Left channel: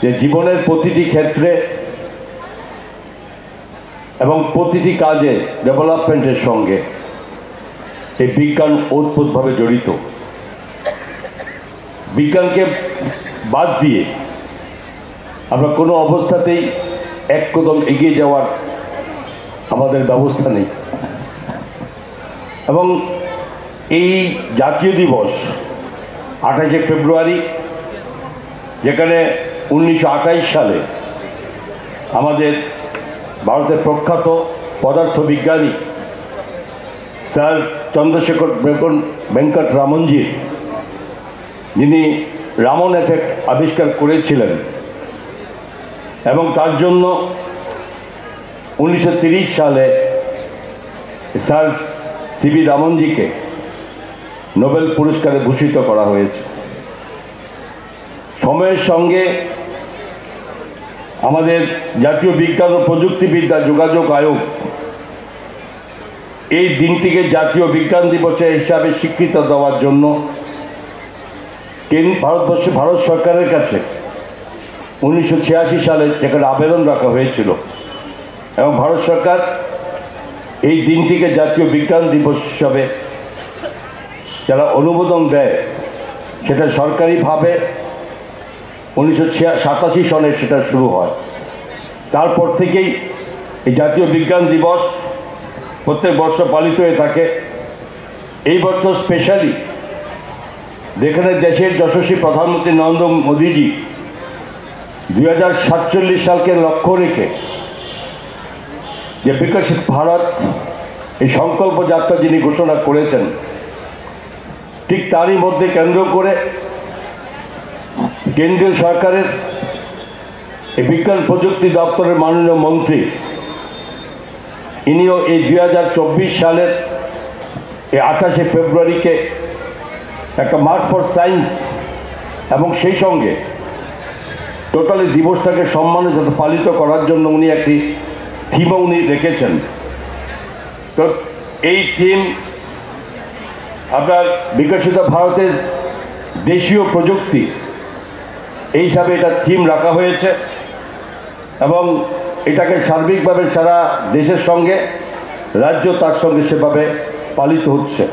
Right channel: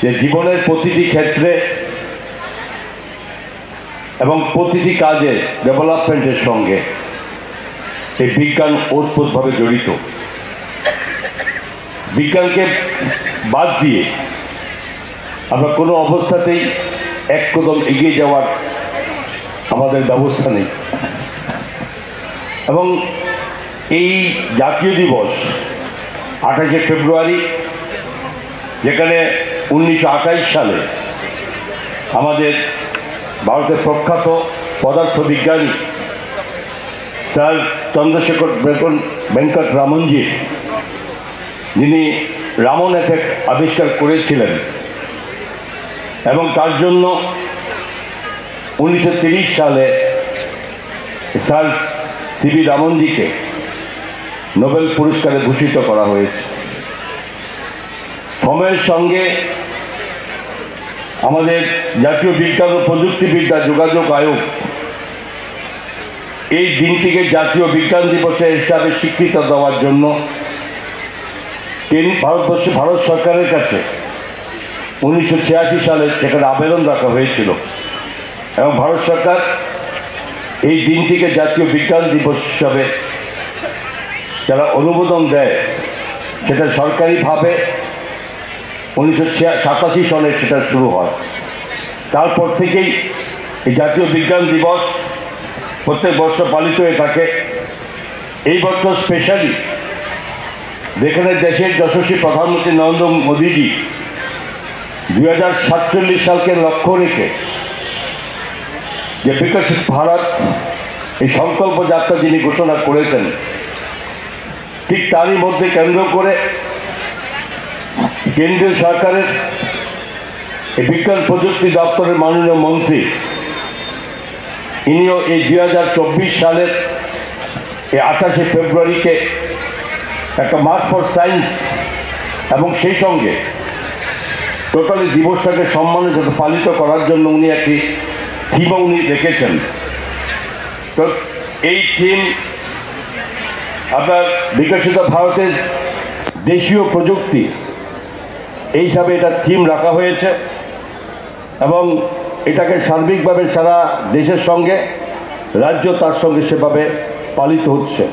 যে জীবনের প্রতিটি ক্ষেত্রে এবং প্রতিটি কাজে ডেভেলপমেন্টের সঙ্গে এই বিজ্ঞান ওতপ্রোতভাবে জড়িত। বিজ্ঞানকে বাদ দিয়ে আমরা কোনো অবস্থাতেই এক কদম এগিয়ে যাওয়ার আমাদের ব্যবস্থা নেই। এবং এই জাতীয় দিবস 28শে ফেব্রুয়ারি, যেখানে 1928 সালে আমাদের ভারতের প্রখ্যাত পদার্থবিজ্ঞানী স্যার চন্দ্রশেখর ভেঙ্কট রামনজি, যিনি রামন এফেক্ট আবিষ্কার করেছিলেন এবং তার জন্য 1930 সালে স্যার সিভি রামনজিকে নোবেল পুরস্কারে ভূষিত করা হয়েছে। সময়ের সঙ্গে আমাদের জাতীয় বিজ্ঞান ও প্রযুক্তিবিদ্যা যোগাযোগ আয়োগ এই দিনটিকে জাতীয় বিজ্ঞান দিবসের হিসাবে স্বীকৃতি দেওয়ার জন্য ভারত সরকারের কাছে 1986 সালে সেখানে আবেদন রাখা হয়েছিল এবং ভারত সরকার এই দিনটিকে জাতীয় বিজ্ঞান দিবস হিসাবে যারা অনুমোদন দেয়, সেটা সরকারিভাবে 1987 সালে সেটা শুরু হয়। তারপর থেকেই এই জাতীয় বিজ্ঞান দিবস প্রত্যেক বছর পালিত হয়ে থাকে। এই বছর স্পেশালি যেখানে দেশের যশস্বী প্রধানমন্ত্রী নরেন্দ্র মোদীজি 2047 সালকে লক্ষ্য রেখে যে বিকশিত ভারত এই সংকল্প যাত্রা যিনি ঘোষণা করেছেন, ঠিক তারই মধ্যে কেন্দ্র করে কেন্দ্রীয় সরকারের এই বিজ্ঞান প্রযুক্তি দপ্তরের মাননীয় মন্ত্রী, ইনিও এই 2024 সালের এই 28শে ফেব্রুয়ারিকে একটা মার্ক ফর সায়েন্স এবং সেই সঙ্গে টোটালি দিবসটাকে সম্মানের সাথে পালিত করার জন্য উনি একটি থিমও উনি রেখেছেন। তো এই থিম আপনার বিকশিত ভারতের দেশীয় প্রযুক্তি, এই হিসাবে এটা থিম রাখা হয়েছে এবং এটাকে সার্বিকভাবে সারা দেশের সঙ্গে রাজ্য তার সঙ্গে সেভাবে পালিত হচ্ছে।